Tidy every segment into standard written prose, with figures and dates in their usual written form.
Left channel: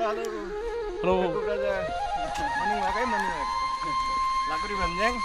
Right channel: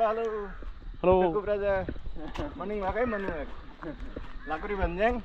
Halo. Halo. Aku berada Maningwakai Maningwak. Lakuri Banjang.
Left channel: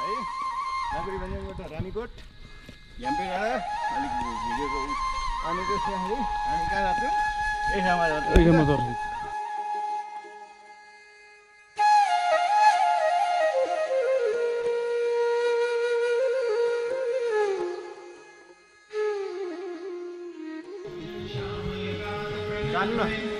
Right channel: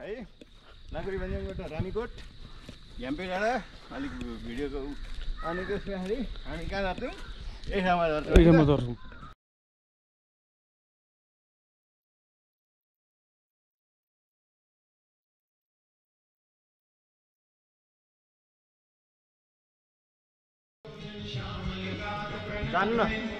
है लाकुरी भन्ज्याङबाट रानीकोट झ्याम्पे डाँडा अलिक भिडियोको अनि त्यसपछि हामी कहाँ जान्छौँ यही ठाउँमा जान्छौँ जानु न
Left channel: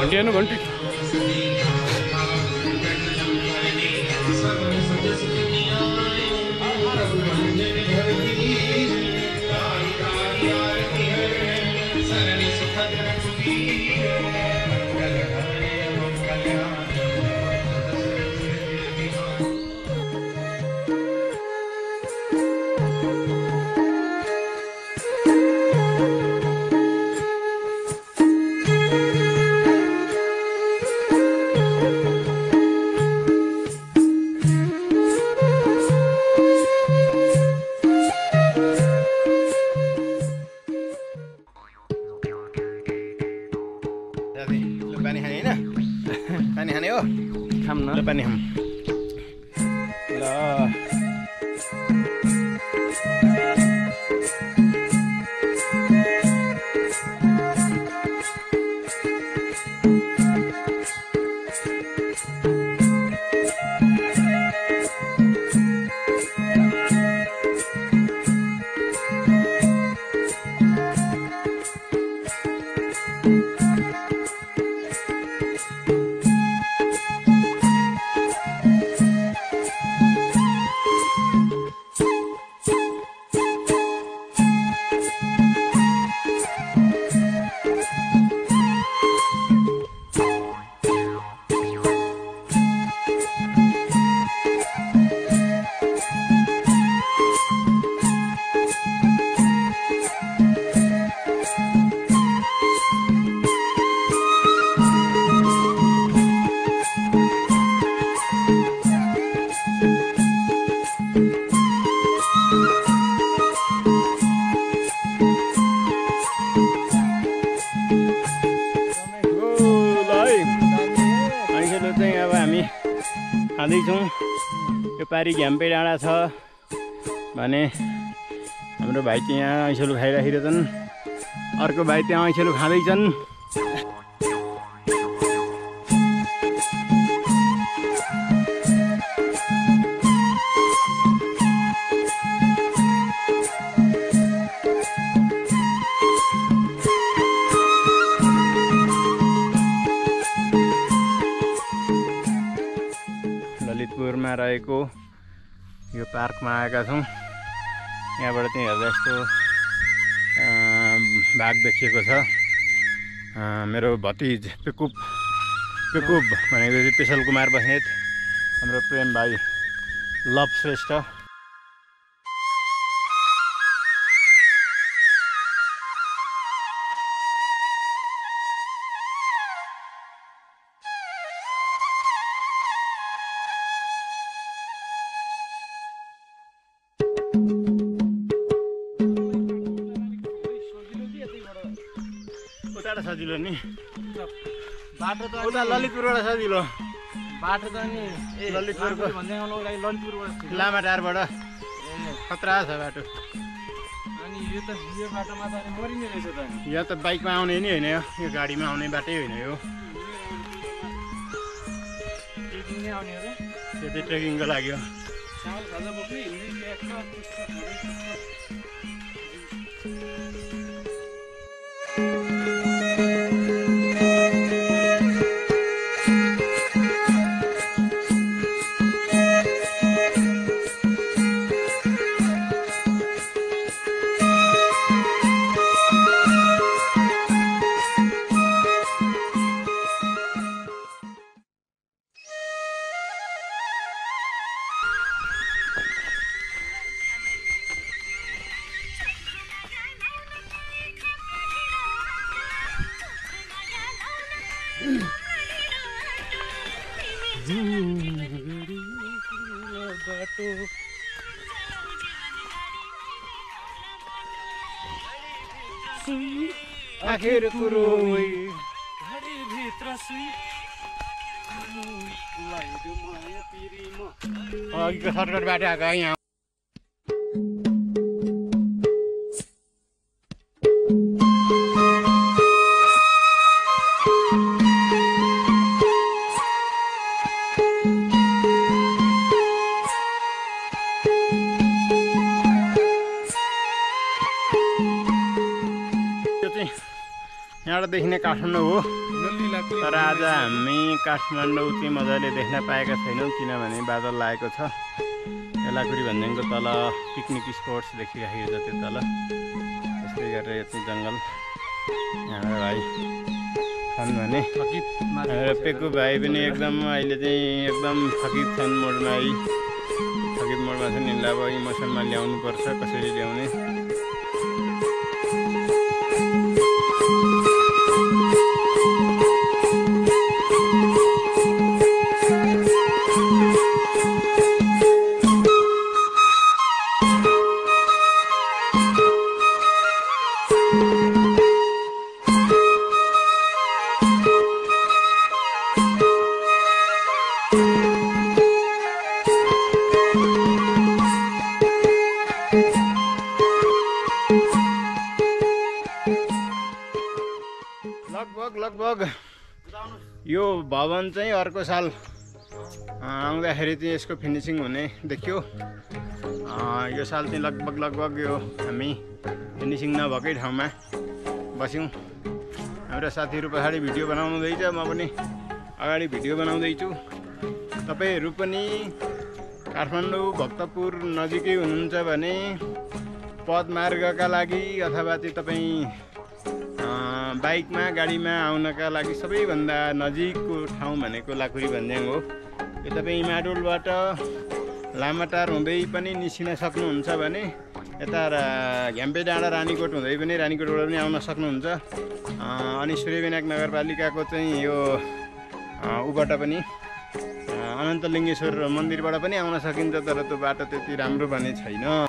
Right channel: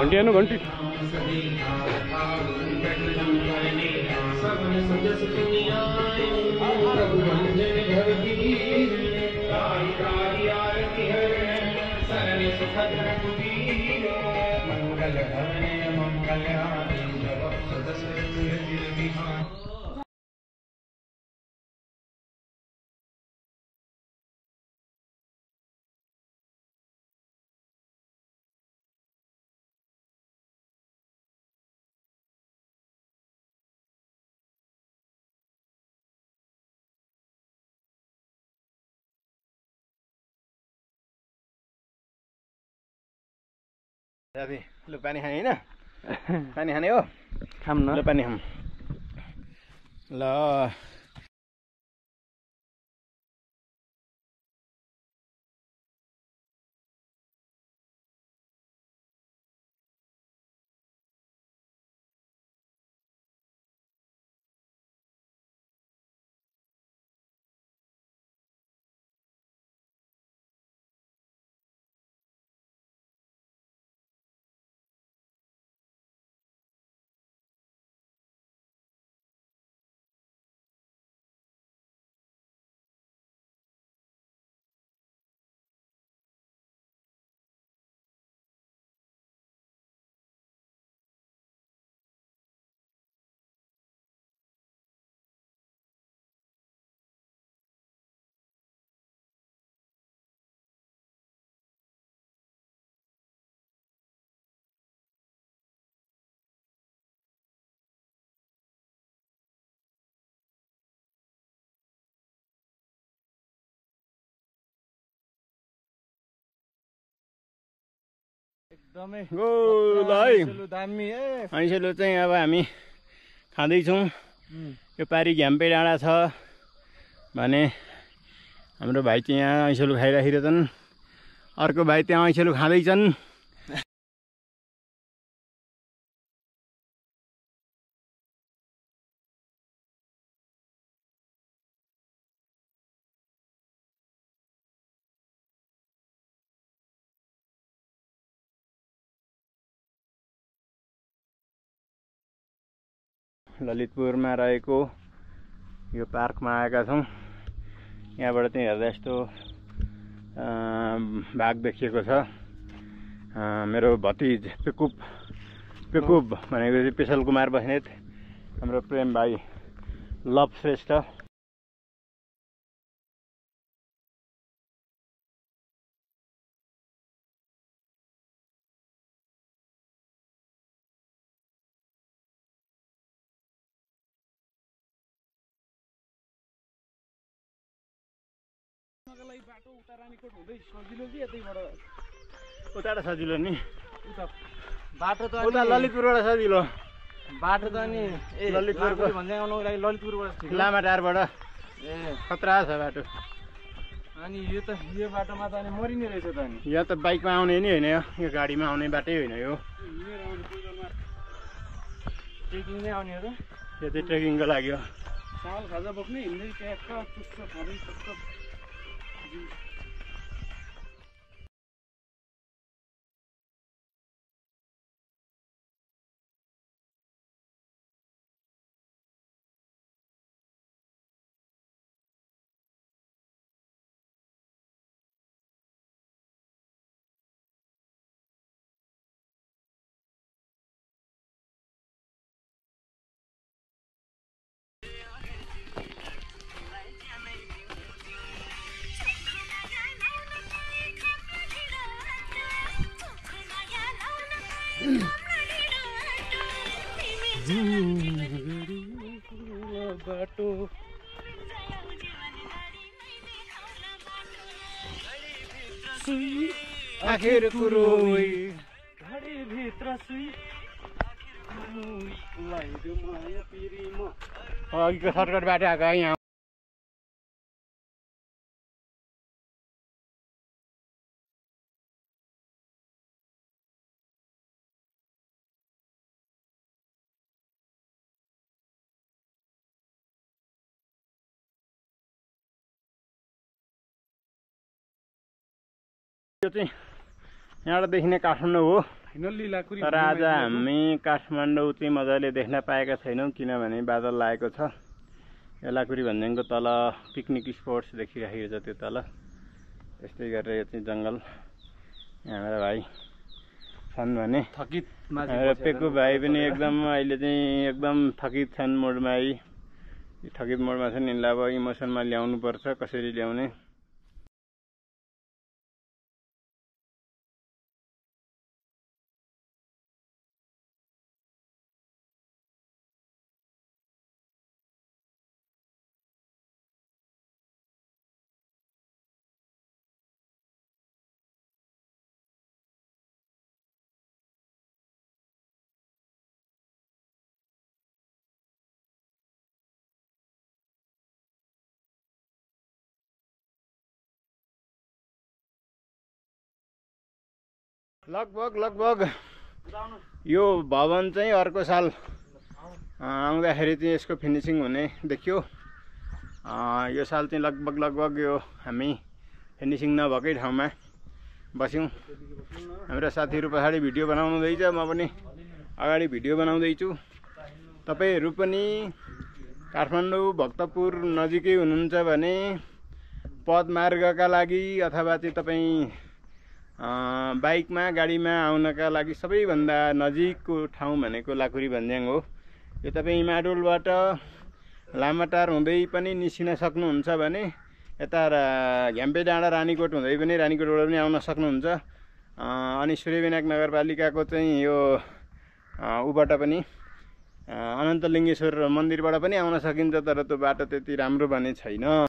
घंटी है ना घंटी पानी खाने हैन पानी खाने हो खाम न ल पानी खाम ल आइसलो चाहिँ अब हामी खाँदैछौँ यो पारी झ्याम्पे डाँडा छ भने हाम्रो भाइ चाहिँ यहाँ ऐसेलु खाइराखेका छन् अर्को भाइ त्यहाँ ऐसेलु खाँदैछन् ललितपुरमा रहेको यो पार्कमा आएका छौँ यहाँबाट चाहिँ हेर्दा यस्तो बाघ देखिएको छ मेरो भतिज पेकुप भनेको चाहिँ पेशल कुमार बस्नेत हाम्रो प्रेम भाइ लभ श्रेष्ठ उता सजिलो नि बाटो त उता ललितपुरबाट सजिलो बाटो त नि ललितपुरको भन्ज्याङको लागि ललितपुरबाट लामाटारबाट खतरा छ बाटो अनि यो बाटोमा त अनि मरिने रहेछ त नि यहाँ त बाइकमा आउने नि होइन यो गाडीमा आउने बाटै होइन यो ट्रेकिङ नै आउने हो र यो चाहिँ ट्रेकिङको लागि हो चामल खाजा बोक्ने हिँड्दै ल्याएको बाटो आखिर कुरो घडीभित्र सुई अघिको सर्टकट बाटो आएको यहाँ यहाँबाट देखिने काठमाडौँ हो तर आज हामी काठमाडौँ चाहिँ मजाले देख्न पाएका छैनौँ किनभने बादल लागेको छ लाकुरी भन्ज्याङको तल पिकनिक स्पोट्स देखिराखेको छ त्यो तल त्यस्तै गरेर यो चाहिँ जङ्गल यहाँबाट भाइ छन् भने पेकु भाइ पनि एकदम अहिले चाहिँ एकदम थकित छन् मोडमा थकित मोडमा छन् यिनलाई अब इमोसनमा ल्याउनुपर्छ कसरी ल्याउने लगभग यो भवन चाहिँ अर्को साल आउँदाखेरि चाहिँ यसको फिनिसिङ हुने देखियो यो साल चाहिँ लगभग यो हामी फिनिसिङ नभएकै ठाउँमा बस्यौँ हाम्रो साथीहरू पछाडि भिडियो बनाउँदैछ म पनि अगाडि भिडियो बनाउँदैछु तपाईहरू पनि काठमाडौँ भक्तपुर नजिकै हुनुहुन्छ भने पदमार्गका लागि अथवा चाहिँ तपाईँ बाइकमा गाडीमा आउनका लागि सबैभन्दा नजिकको ठाउँ भनेको लाकुरी भन्ज्याङ हो यो तपाईँ माडोलबाट लामाटार हुँदै पनि निस्किन सक्नुहुन्छ भने यता घ्याम्पे डाँडा रानीकोट हुँदै पनि रानीकोटबाट पनि आउन सक्नुहुन्छ अनि सूर्यविनायक नगरपालिकाको चाहिँ यो उबाट पनि अनन्तलिङ्गेश्वर मन्दिरबाट पनि आउन सकिन्छ तर त्यो बाटो त्यति राम्रो भने छैन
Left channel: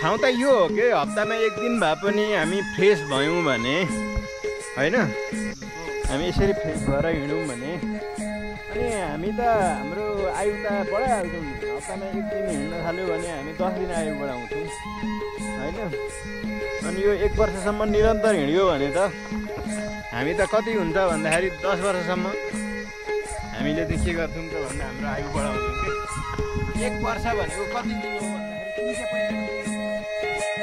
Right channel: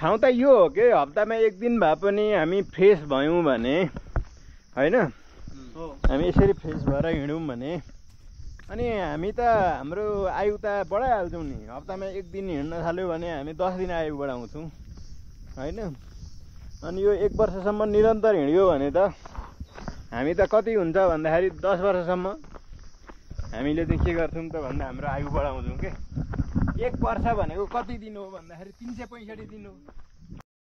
ठाउँ त यो हो कि हप्तामा एक दिन भए पनि हामी फ्रेस भयौँ भने होइन हामी यसरी फ्रेस भएर हिँड्यौँ भने अनि हामी त हाम्रो आयु त बढाइहाल्छौँ नि हप्तामा एक दिन हिँड्न थाल्यो भने हामी 10 दिन आयु बढाउँछौँ होइन अनि यो 1 वर्षसम्म निरन्तर हिँड्यो भने त हामी त कति हुन्छ भन्दाखेरि 10 वर्षसम्म हामीले चाहिँ के गर्छौँ त भन्दा हाम्रो आयु बढाउँछौँ कि 1 वर्ष भनेको कति दिन हो भन्दाखेरि निचे पहिले